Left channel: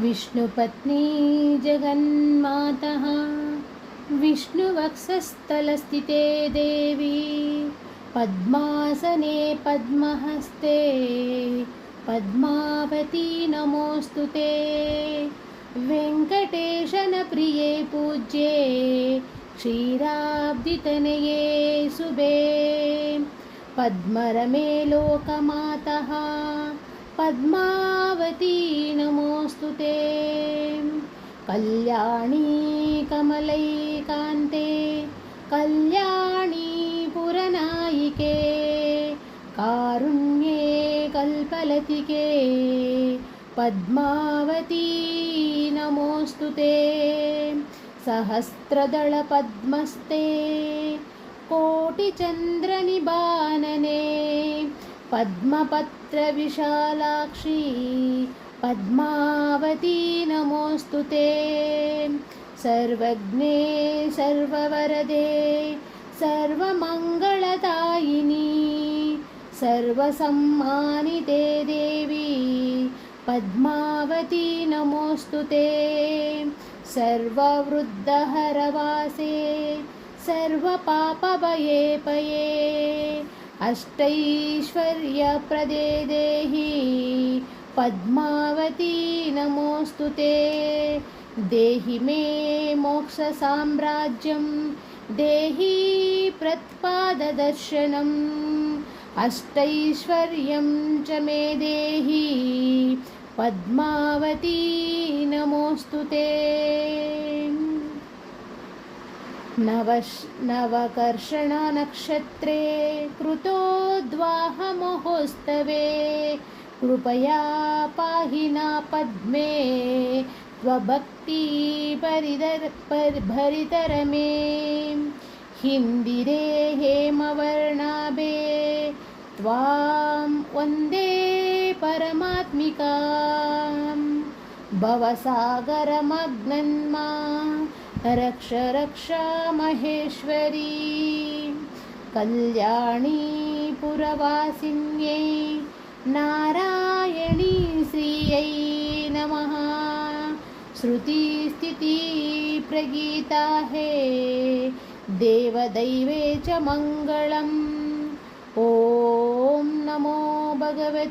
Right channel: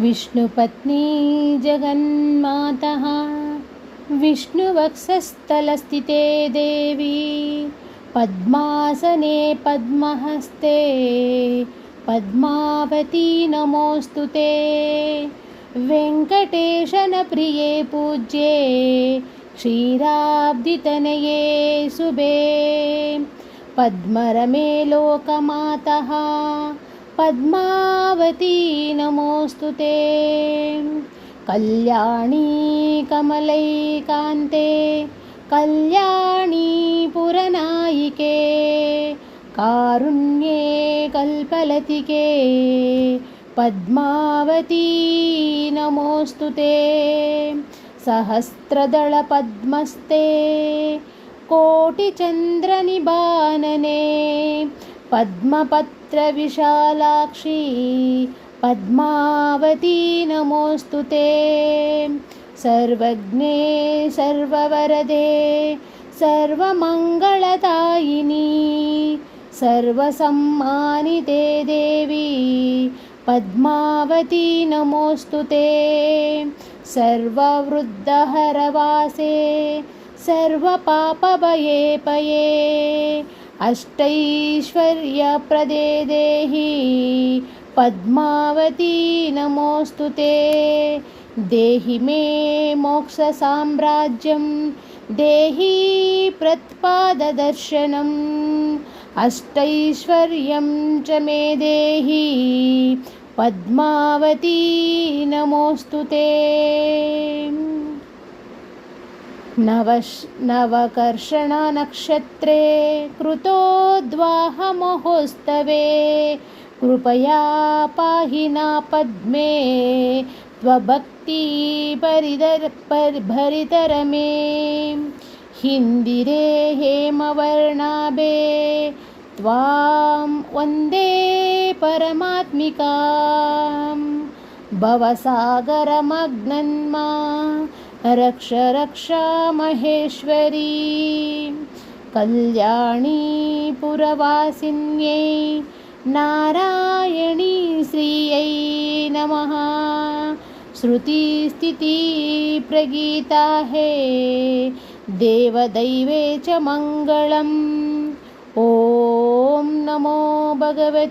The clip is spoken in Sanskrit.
विष्णुपत्नी जगन्मातः विष्णुवक्षस्थलस्थिते देवी पद्मासने पद्महस्ते पद्मावती नमोऽस्तु ते। वेङ्कटेशनप्रिये पूज्ये क्षीराब्धितनये शुभे पद्मरमे लोकमातः पद्मावती नमोऽस्तु ते। कल्याणी कमलैकान्ते कल्याणी पुरनायिके कारुण्ये कल्पलतिके पद्मावती नमोऽस्तु ते। सहस्रदलपद्मस्ते कोटिचन्द्रनिबानने पद्मपत्रविशालाक्षी पद्मावती नमोऽस्तु ते। सर्वज्ञे सर्ववरदे सर्वमङ्गलदायिनी सर्वसम्मानिते देवी पद्मावती नमोऽस्तु ते। सर्ववृद्धहरवासे सर्वपापभयेपये अष्टैश्वर्यप्रदे देहि पद्मावती नमोऽस्तु ते। देहि मे मोक्षसाम्राज्यं देहि प्रत्पाददर्शनम् अष्टैश्वर्यं च मे देहि पद्मावती नमोऽस्तु ते। नवकर्षणनक्षत्रे कृतोद्वाहमहोत्सवे कृपया पाहि न पद्मे त्वभक्तिभरितरमे हिन्दिरे हेमवर्णाभे त्वां वन्दे परमात्मिकां भवसागरमग्नन्मा रक्ष रक्ष महेश्वरी। कल्याणी पुरवासिन्यै नारायणी श्रियै नमः। श्रुतिस्थितिप्रगीता हे देवदैवे च मङ्गलम्। ॐ नमो भगवते।